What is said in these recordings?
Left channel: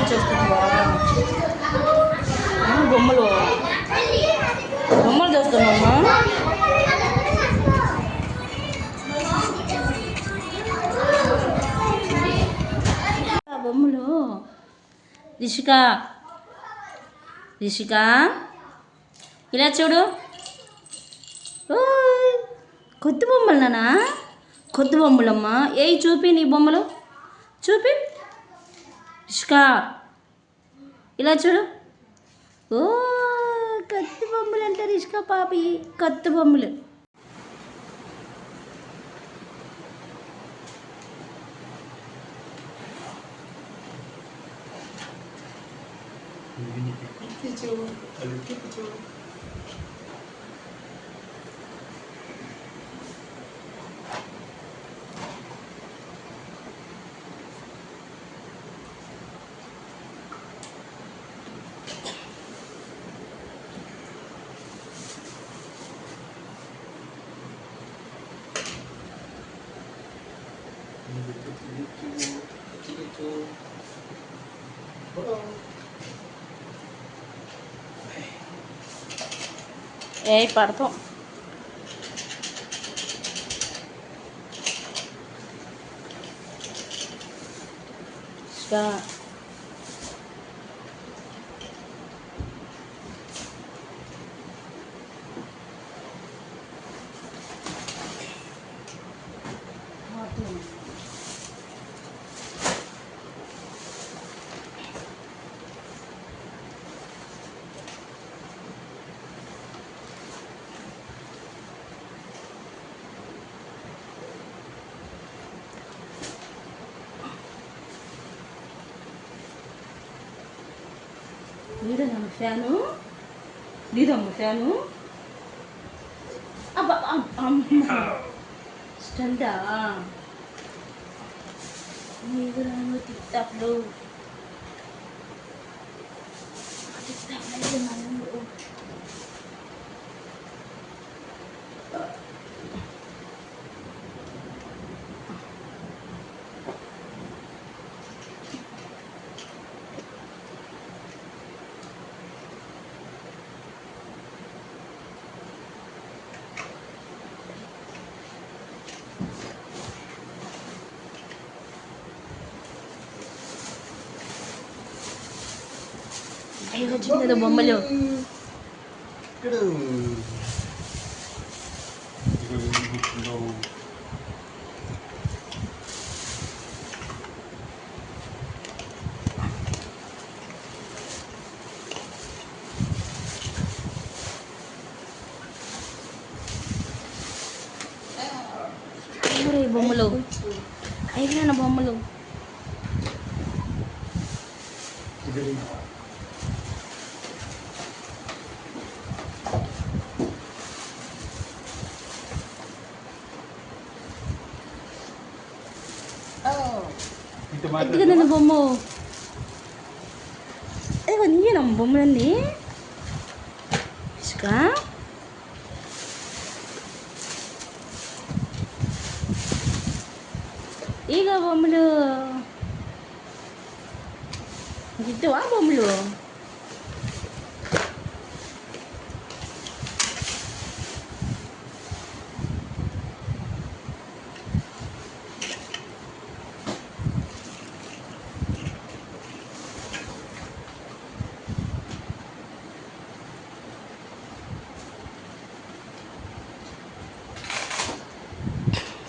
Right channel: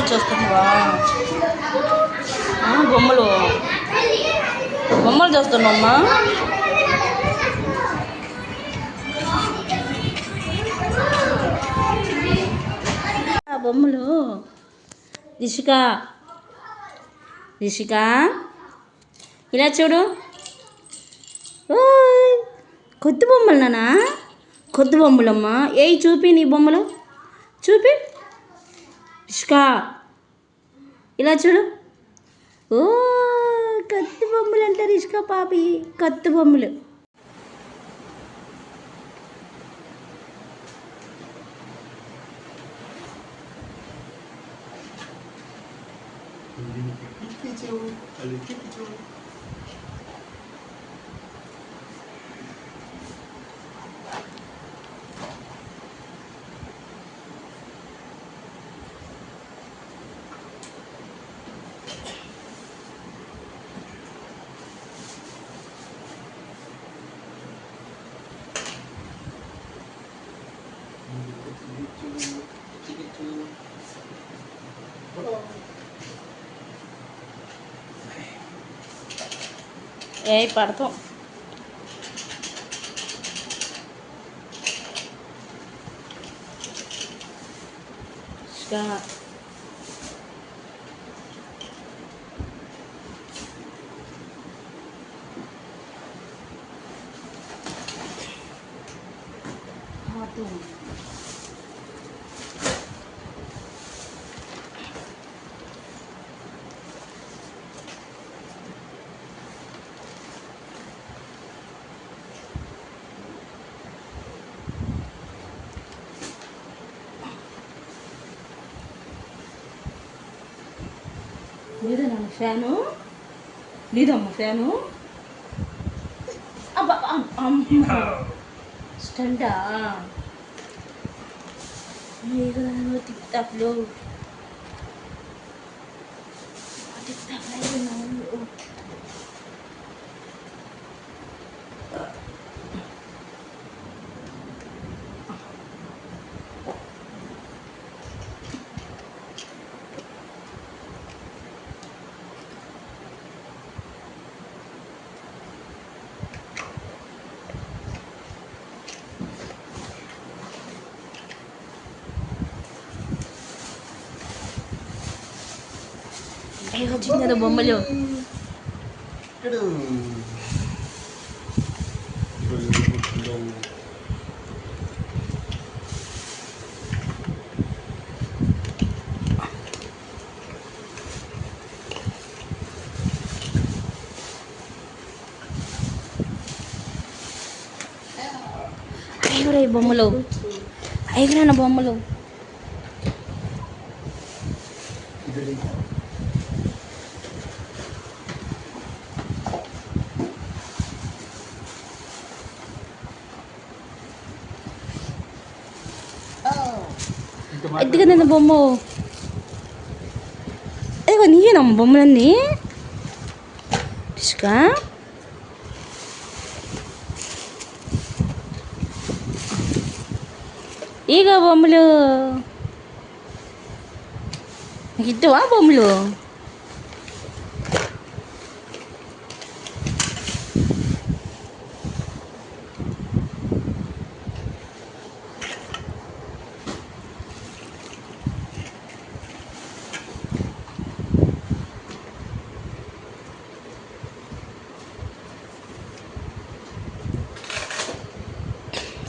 బొమ్మలు చూస్తున్నావా? బొమ్మలు బొమ్మలు చూస్తున్నావమ్మా? బొమ్మలు రిషిక రిషిక ఇలా చూడు. కొత్త బొమ్మలు నానా, కొత్త బొమ్మలమ్మా. ఏయి చూపి నీ బొమ్మలు చూపి. రిషిక ఇలా చూడు. ఓ కొత్త బొమ్మలు అంట రిషిక పాపి, కొత్త బొమ్మలు. ఏ పడతాం. లేదమ్మా ఫ్యాను, లేదమ్మా ఫ్యాను. స్టండా తిప్తాపులు వచ్చింది కదా బొమ్మలు. ఐగురా బొమ్మలు, ఐగురా బొమ్మలు. ఎత్తుగా తిన్న బొమ్మ. అదిగో నీయేనమ్మ బొమ్మలన్నీ. రిషిక ఈగ బొమ్మలు ఇద్దవా బొమ్మలు?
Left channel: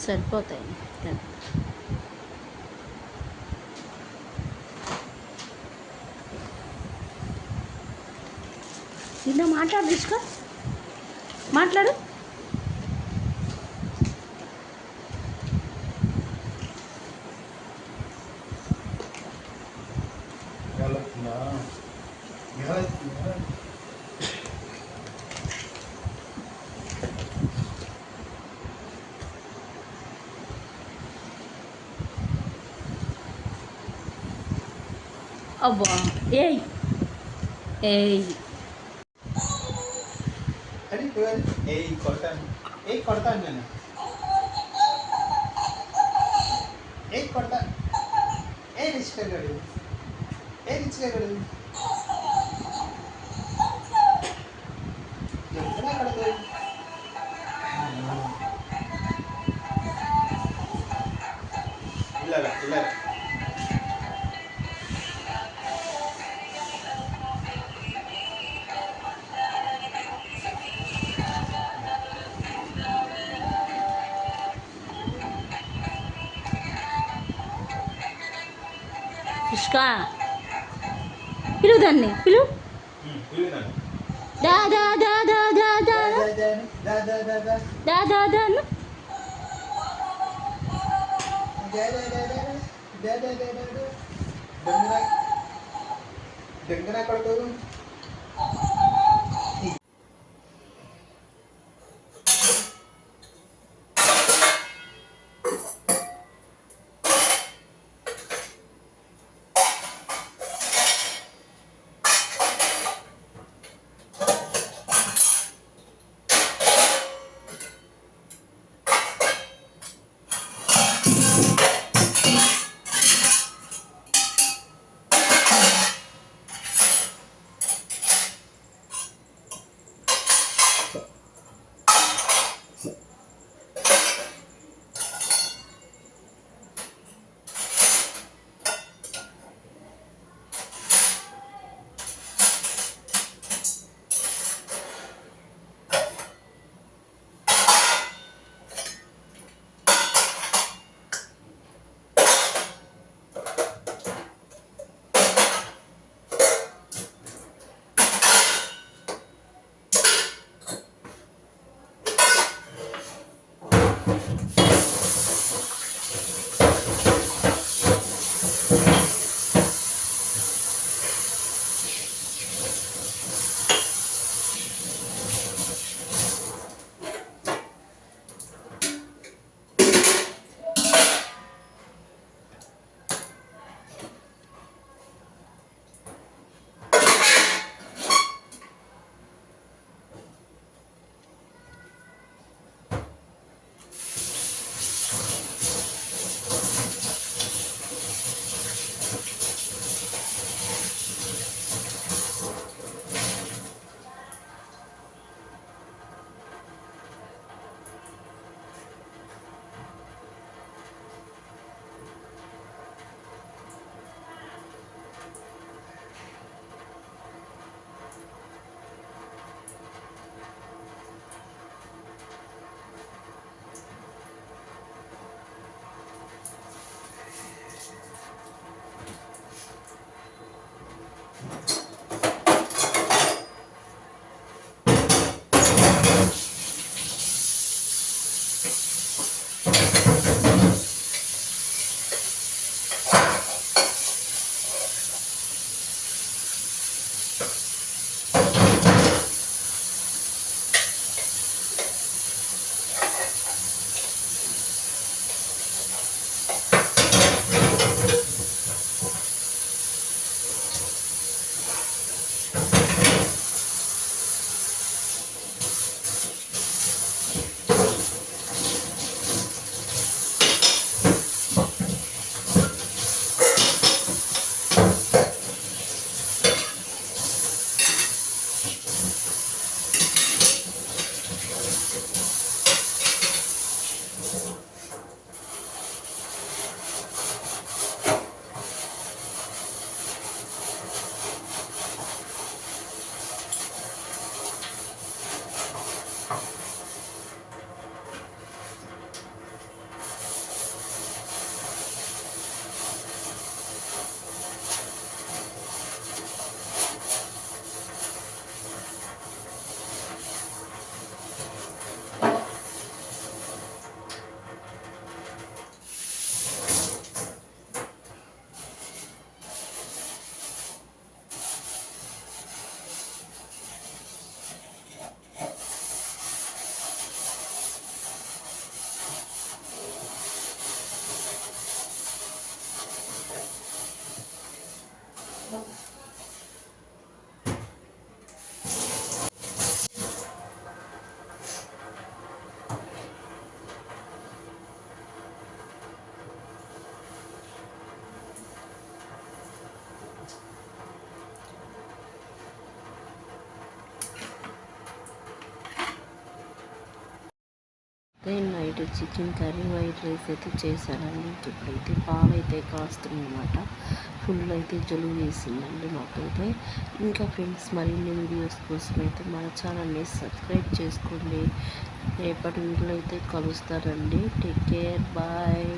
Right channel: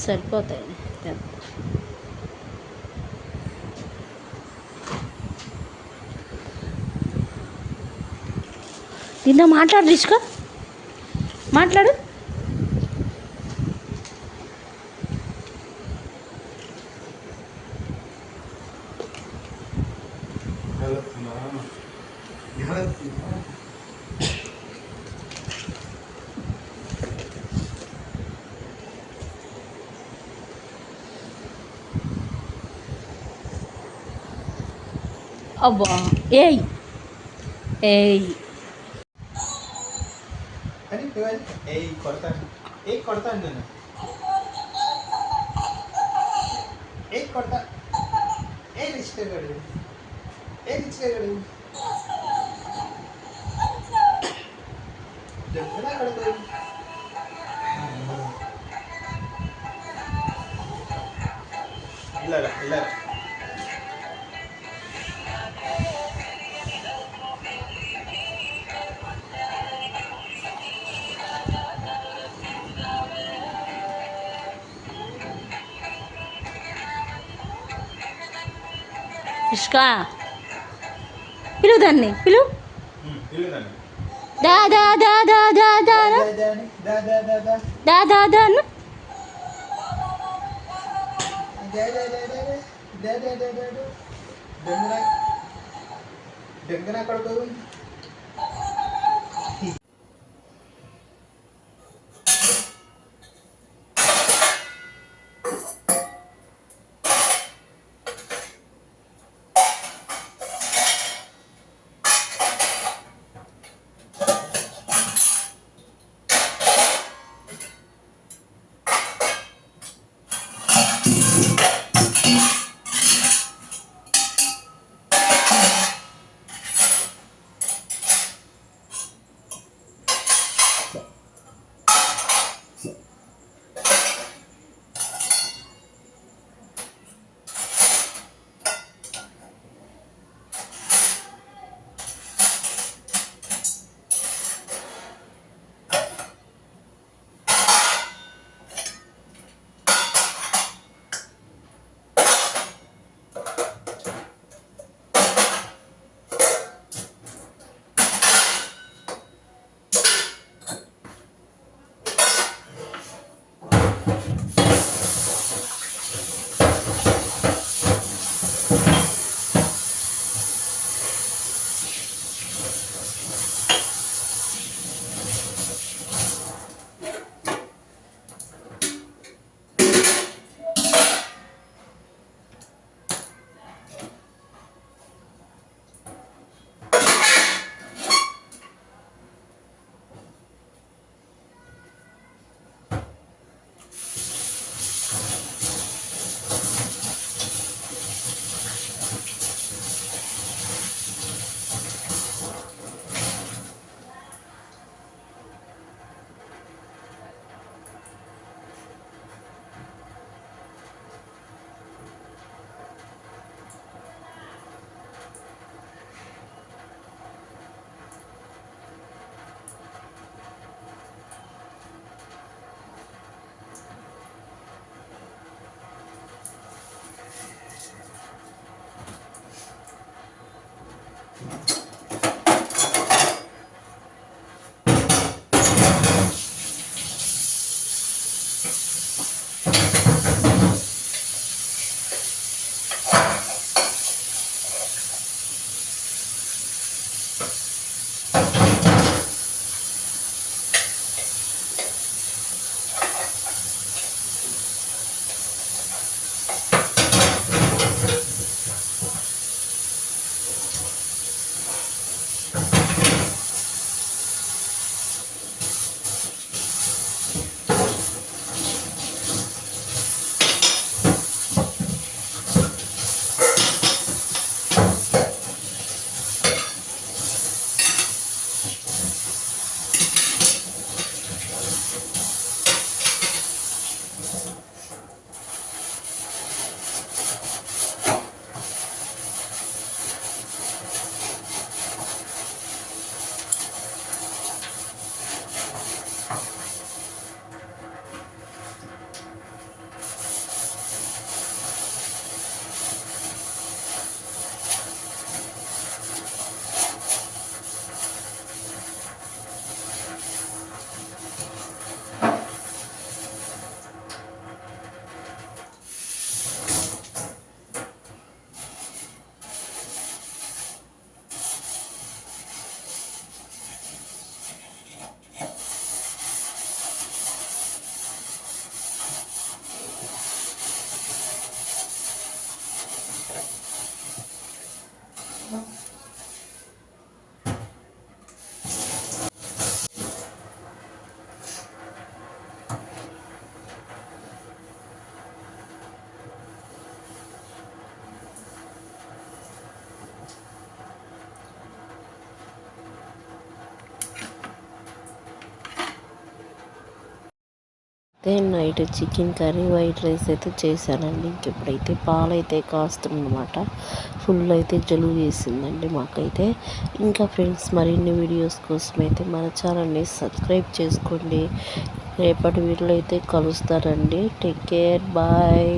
సరిపోతాయి. నిన్న మాట్లాడు రిషిక, మాట్లాడు. అబ్బా ఏయ్ ఏయ్ కొడతాను నేను, కొడతా. రిజిస్టర్ గారు ఏది ఇచ్చినాడు అక్కడ ఇలాగా ఇలాగా ఇష్కా పిలువు దాన్ని పిలువు ఇలాగా దా దా దా దా దా దా దా దా దా దా దా దా దా దా అను. దెంగన కొడుకు night chicken curry white rice అయితే చేశానండి. ఇప్పుడైతే పాలైతే కాస్తుందన్నమాట. ఫుల్ అయితే జలుబు వేసిందండి మాకైతే. ఇంకా ఫ్రెండ్స్, మరిన్ని వీడియోస్ కోసం అయితే మన ఛానల్ని సబ్స్క్రైబ్ చేసుకోండి. రేపటి వీడియోలో అయితే కలుస్తారండి. Take care, bye.